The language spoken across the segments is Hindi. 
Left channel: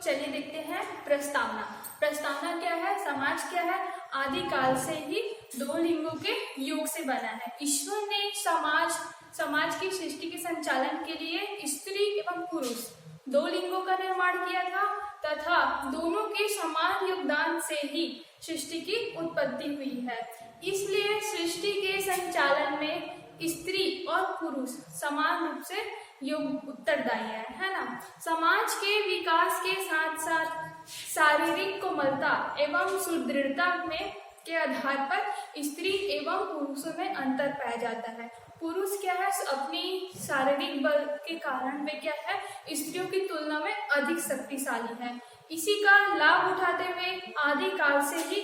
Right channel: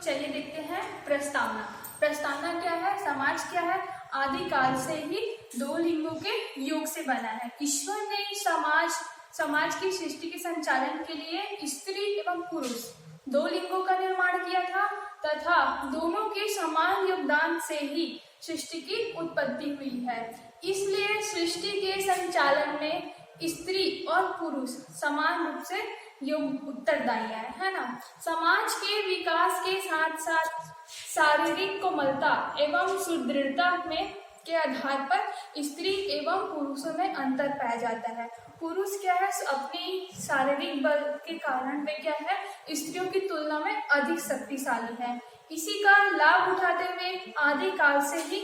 चलिए देखते हैं प्रस्तावना। प्रस्तावना क्या है? समाज क्या है? आदिकाल से ही दो लिंगों के योग से बना है। ईश्वर ने समाज की सृष्टि के संचालन के लिए स्त्री एवं पुरुष दो लिंगों का निर्माण किया था तथा दोनों के समान योगदान से ही सृष्टि की उत्पत्ति हुई है। इसलिए सृष्टि के संचालन में स्त्री और पुरुष समान रूप से उत्तरदायी है ना। समाज के विकास के साथ साथ शारीरिक कोमलता एवं सुदृढ़ता में के आधार पर स्त्री एवं पुरुषों में अंतर पाया जाता है। पुरुष क्या है? अपनी शारीरिक बल के कारण वे क्या है? स्त्रियों की तुलना में अधिक शक्तिशाली है। इसी का लाभ उठाते हुए आदिकाल से ही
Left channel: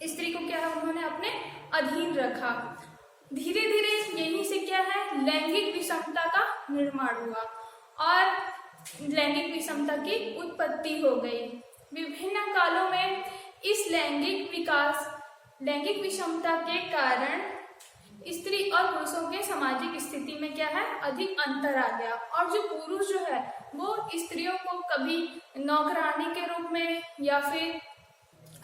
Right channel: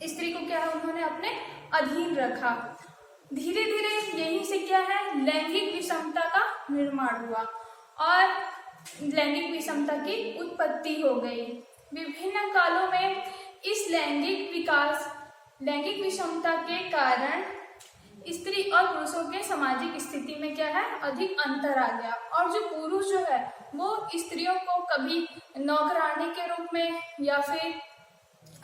स्त्री को क्या है? उन्होंने अपने अधीन रखा। धीरे धीरे यहीं से क्या है? लैंगिक विषमता का निर्माण हुआ और लैंगिक विषमता की उत्पत्ति हो गई। विभिन्न कालों में इस लैंगिक विषमता के कारण स्त्री और पुरुषों के सामाजिक स्थिति में क्या है? अधिक अंतर आ गया। और जो पुरुष जो है वो स्त्रियों को कभी नौकरानी के रूप में या फिर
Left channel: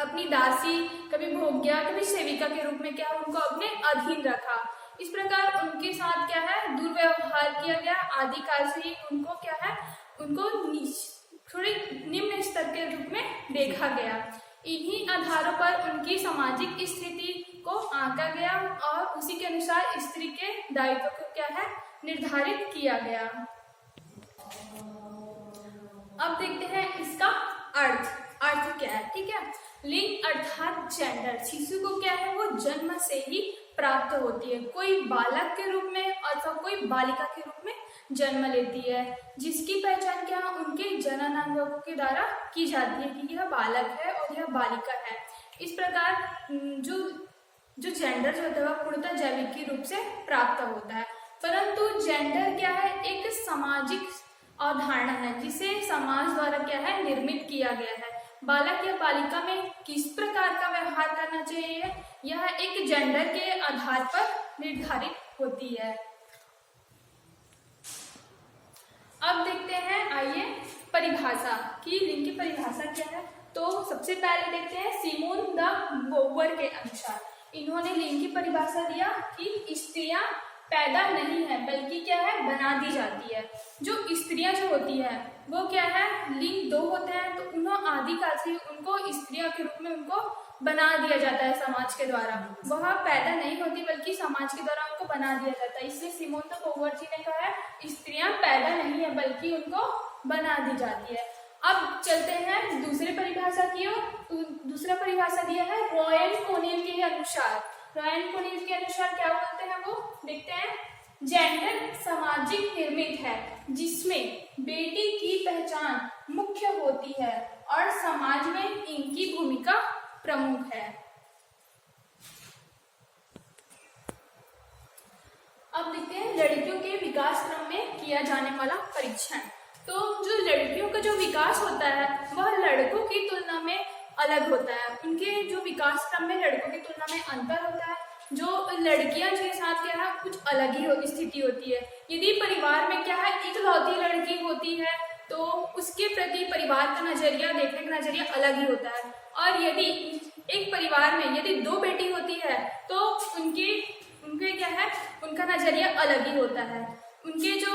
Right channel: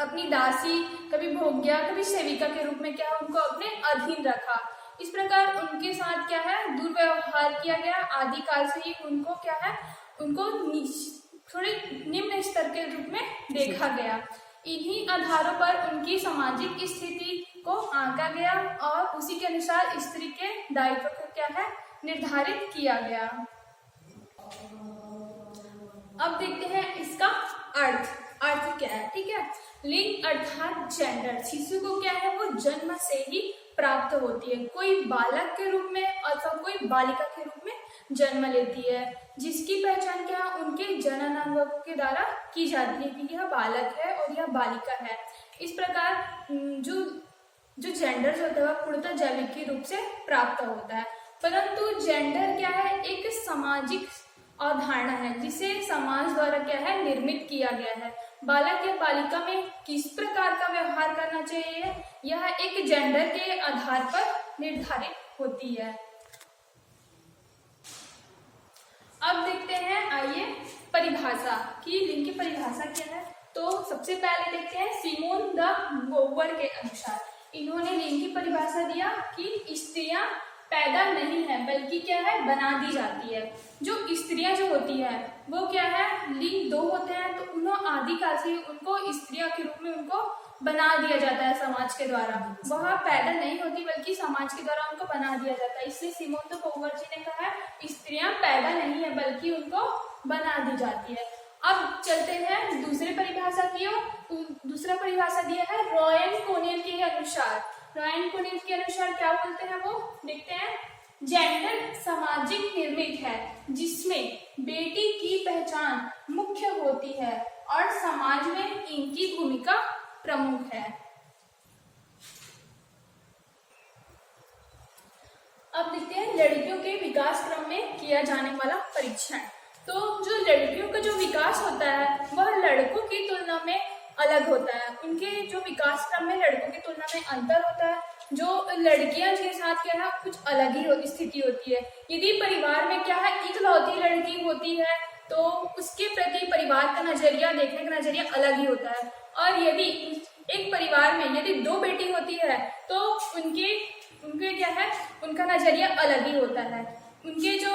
अपनी दासी, कभी भोग्या, कभी सेविका के रूप में क्या है? उनको अपने अधीन रखा। इस प्रकार उनके साथ क्या है? दुर्व्यवहार किया गया। आदिकाल से ही उनको क्या है? उनको थोड़े निम्न स्तर के रूप में देखा गया। इन्हीं आधारों पर उनकी सामाजिक स्थिति को आंका गया और उसी के अनुसार स्त्री के दायित्व को क्या है? निर्धारित किया गया। अब देखते हैं इसका अर्थ क्या है। ठीक है, लिंग अर्थात जेंडर शिशु को क्या है? वो जन्म से ही प्राप्त होती है। कोई बालक के रूप में अथवा कोई बालिका के रूप में जन्म लेती है, जिसकी पहचान क्या? उनके जननांगों के द्वारा की जाती है कि यह बालक है और यह बालिका है। इस प्रकार जो जेंडर होता है वह पूर्णतः जैविक रूप से प्राप्त होता है। परंतु जेंडर क्या है? एक सामाजिक अवधारणा है जिसे समाज द्वारा क्या है? निर्मित किया गया है। बालक या बालिका में किस प्रकार का व्यवहार करना चाहिए, यह एक जेंडर के आधार पर निर्धारित होती है। अब देखते हैं, आइए परिभाषा की लिंग की परिभाषा क्या है। तो सबसे पहले देखते हैं सिमोन द बोवर के अनुसार इन्होंने लिंग की परिभाषा दिया कि स्त्रियां पैदा नहीं है बल्कि क्या है? बना दी जाती है। जो स्त्रियां जो होती है वो क्या है? लिंग दो होते हैं, तो उन्होंने आदिकाल से उनको स्त्रियों के रूप में उनको बना दिया जाता है समाज के द्वारा। वह पैदा नहीं होती बल्कि समाज के द्वारा उनको बना दिया जाता है। इसलिए सिमोन द बोवर जी ने कहा है स्त्रियां पैदा नहीं है बल्कि उनको बना दी जाती है। अब चलते हैं दूसरी परिभाषा की ओर। दूसरा परिभाषा दिया है रॉयन कोनियल के अनुसार। रॉयन कोनियल के अनुसार क्या बोलते हैं वो देखते हैं। जेंडर सामाजिक निर्मित है जिसमें बेटी की पहचान मुख्य होती है और समाज में इनकी भूमिका प्रमुख है। अब देखते हैं लड़कियों के विकास क्रम में किया जाने वाला परीक्षण। तो जो लड़कियों का जो विकास होता है वह लड़कों की तुलना में अलग होता है। उनके जो विकास क्रम में लड़कों की तुलना में अंतर होता है। जो लड़कियां जिनके साथ क्या है कुछ अलग ही स्थिति होती है। यदि परिवार में क्या है इकलौती लड़की होती है तो उसके प्रति परिवार का नजरिया, देखने का नजरिया अलग ही होता है। और यदि एक परिवार में यदि दो बेटी होती है तो उनके क्या है उनका नजरिया अलग ही होता है। उनके जो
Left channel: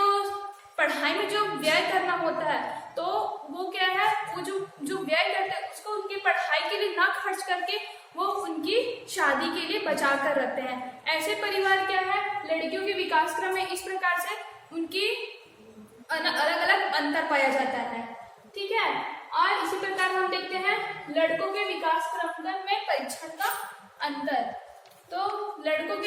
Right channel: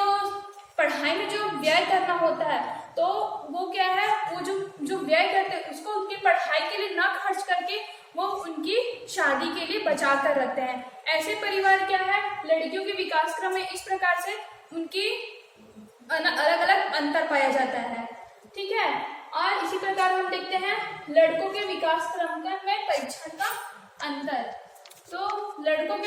पढ़ाई में जो व्यय करना होता है तो वो क्या है वो जो व्यय करते हैं उसको उनकी पढ़ाई के लिए ना खर्च करके वो उनकी शादी के लिए बचा कर रखते हैं। ऐसे परिवार क्या है लड़कियों के विकास क्रम में इस प्रकार से उनकी अलग अलग अंतर पाया जाता है। ठीक है, और इसी प्रकार हम देखते हैं लड़कों के विकास क्रम में परीक्षण का अंतर। तो लड़कों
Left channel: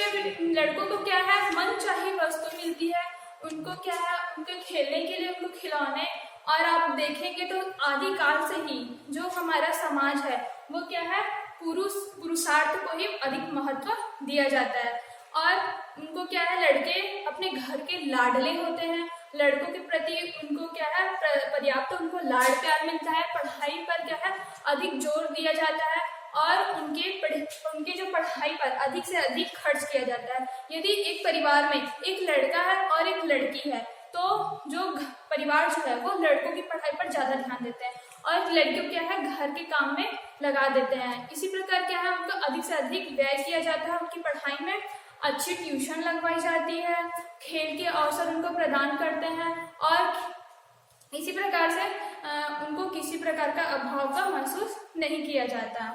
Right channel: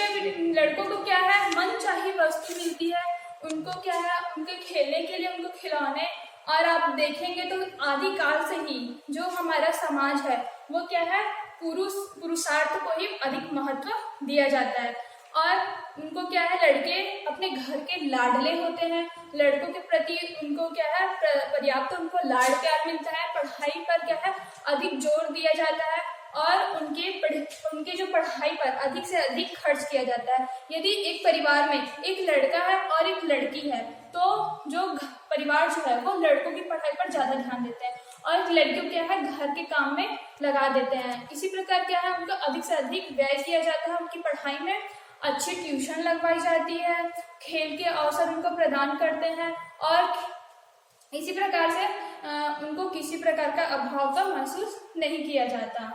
को क्या है मनचाही वस्तु मिलती है। उनको क्या है उनके खेलने के लिए उनको खिलौने, और आप देखेंगे तो आदिकाल से ही जो हमारा समाज है वो क्या है पुरुषार्थ को ही अधिक महत्व दिया जाता है। और उनको क्या है लड़के अपने घर के लाडले होते हैं। लड़कों के प्रति उनको क्या है पर्याप्त उनको लाड प्यार मिलता है। पढ़ाई पर क्या है अधिक जोर दिया जाता है और उनके जो पढ़ाई पर अधिक से अधिक खर्च किया जाता है। यदि एक परिवार में एक लड़का है और एक लड़की है तो जो परिवार जो है वो लड़कों की पढ़ाई पर ज़्यादा ध्यान देते हैं और लड़कियों क्या है घर के काम में लगा देते हैं। इसी प्रकार क्या है उनका अधिक से अधिक व्यय किया जाता है उनकी पढ़ाई में, अच्छी ट्यूशन लगवाई जाती है, खेल के अवसर उनको प्रदान करते हैं और इसी प्रकार से उनको किसी प्रकार का अभाव का महसूस नहीं किया जाता।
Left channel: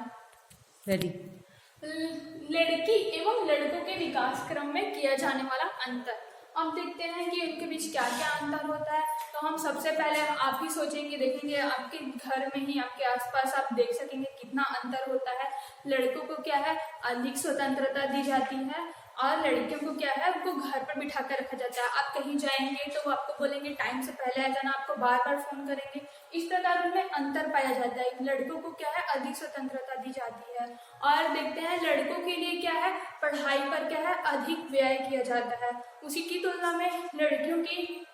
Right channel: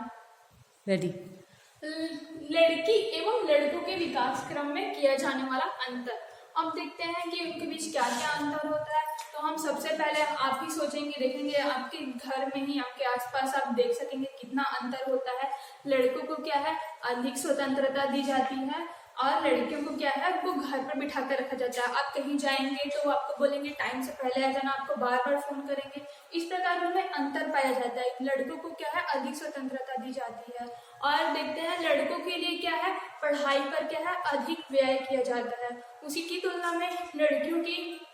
लड़की एवं लड़कों के विकास क्रम में किया जाने वाला अंतर, अब देखते हैं कि उनके बीच क्या क्या अंतर होता है। तो हम सबसे पहले आप ही सोचेंगे, देखेंगे आपके घर में ही आपके आसपास आप देख सकेंगे कितना अंतर होता है। लड़कों को क्या है अधिक स्वतंत्रता दी जाती है और लड़कियों को क्या है उनको घर पर बिठा कर रखा जाता है। आप कहीं जाएंगे तो वो आपको बोलेंगे टाइम से पहले आ जाना, आपको बार बार फोन करेंगे। इस प्रकार उनमें अंतर पाया जाता है। लड़कों को क्या है अधिक स्वतंत्रता दी जाती है और देखते हैं लड़कों के लिए क्या है पढ़ाई पर क्या है अधिक व्यय किया जाता है। उसी की तुलना में लड़कियों की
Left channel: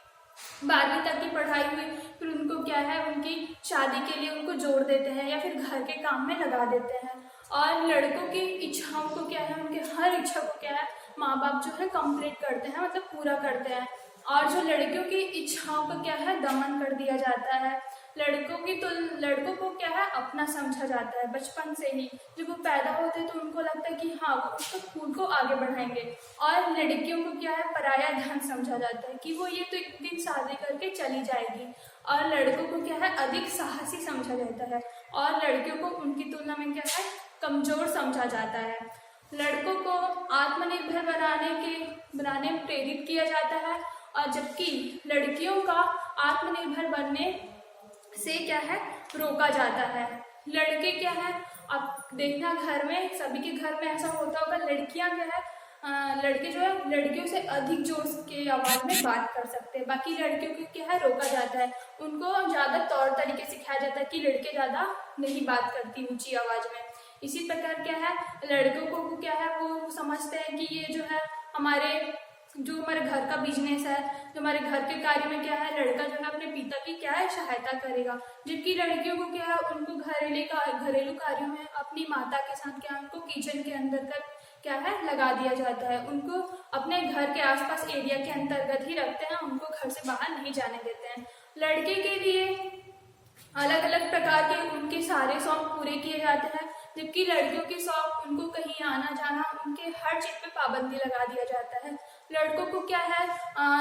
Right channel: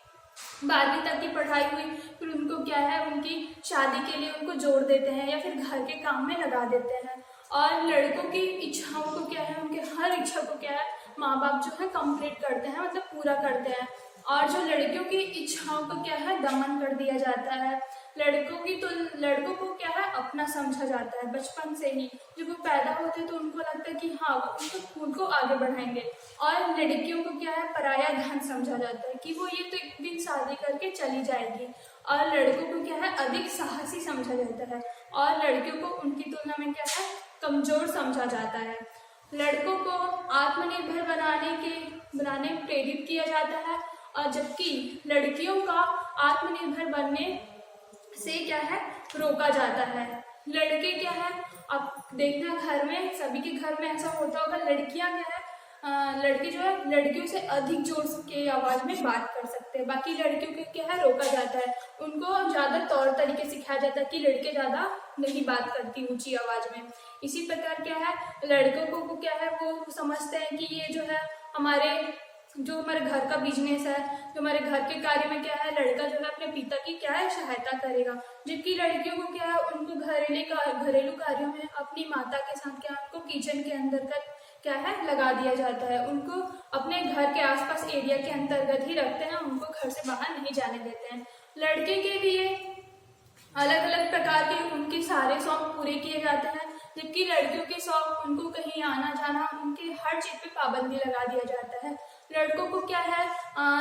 12वीं तक की पढ़ाई हुई, फिर उनको क्या है उनकी शादी के लिए उनको जोड़ देते हैं या फिर घर के काम में लगा देते हैं। और लड़कों की इच्छाओं को क्या है उनके हर इच्छा को क्या है माँ बाप जो है कंप्लीट करते हैं, मतलब पूरा करते हैं। और जो लड़कियों की इच्छाओं को क्या है दमन कर दिया जाता है। लड़कों को क्या है अपना समझा जाता है बचपन से ही। जब वो पैदा होते हैं तो उनको लगता है कि हाँ वो उसको खून को आगे बढ़ाएंगे और लड़कियों को क्या है पराया धन समझा जाता है कि वो ये तो एक दिन शादी करके चली जाएगी। और लड़कों को क्या है अधिक साहसी समझा जाता है और लड़कियों को उनकी तुलना में क्या है कमजोर समझा जाता है। लड़कों को आत्मनिर्भर बनाने में प्रेरित किया जाता है और जबकि लड़कियों का आत्मनिर्भर बनने से क्या है रोका जाता है। लड़के क्या है अब देखना घर में सभी के घर में ऐसा होता होगा, लड़कियां क्या है लड़के जो है लड़कियों से अधिक जोर के आवाज में बात कर सकते हैं, बाकी लड़कियों को क्या है रोका जाता है। उनको ज्यादा तौर तरीके सिखाया जाता है कि लड़के ज्यादा नहीं बात करती ऊंची आवाज में। इसी प्रकार क्या है लड़कों को क्या है वो समझते हैं कि ये जो है हमारे घर का बिजनेस है, जो हमारे घर के कार्य में क्या है लड़का जो है अपने पिता की क्या है सहायता करेगा। जबकि लड़कियों को क्या है उनको घरेलू कार्यों में अपनी माता के साथ क्या उनको किचन के अंदर का क्या है लगा दिया जाता है। उनको अपने घर के आसपास एरिया के अंतर्गत ही रखते हैं, उनको घर से बाहर नहीं जाने देते हैं। लड़के के लिए अलग अलग प्रकार के उनके सारे शौक पूरे किए जाते हैं, जबकि लड़कियों के शौक उनको कहीं आना जाना उनके हर चीज पे पाबंदी लगा दिया जाता है। लड़कों को क्या है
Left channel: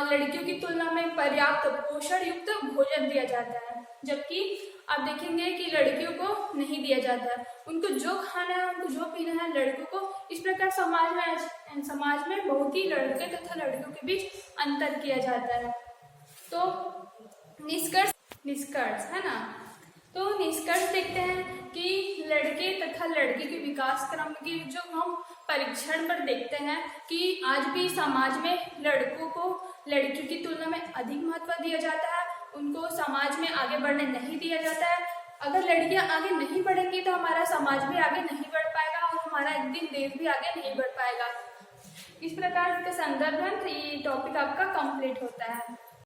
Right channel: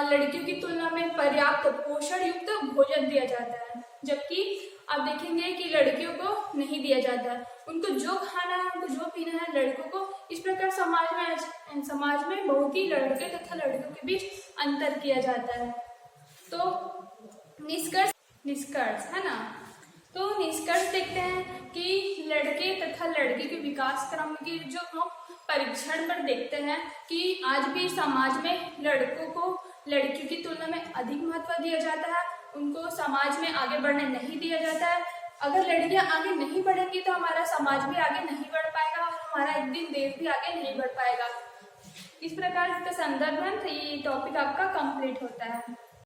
लड़कियों की तुलना में पर्याप्त पोषण युक्त भोजन दिया जाता है, जबकि आप देखेंगे कि लड़कियों को नहीं दिया जाता। उनको जो खाना है उनको जो पीना है लड़कों को। इस प्रकार समाज में बहुत ही लड़के तथा लड़कियों के बीच अंतर किया जाता है। तो निष्कर्ष है ना, तो निष्कर्ष देखते हैं कि लड़के तथा लड़की के विकास क्रम की जो हम परीक्षण पर देखते हैं कि आज भी समाज में लड़कों को लड़कियों की तुलना में अधिक महत्व दिया जाता है, उनको समाज में आगे बढ़ने नहीं दिया जाता है। अगर लड़कियां आगे नहीं बढ़ेंगी तो हमारा समाज भी आगे नहीं बढ़ पाएगा और हमारा एक दिन देश भी आगे नहीं बढ़ पाएगा। इस प्रकार इसका संदर्भ है, तो ये टॉपिक आपका कंप्लीट होता है।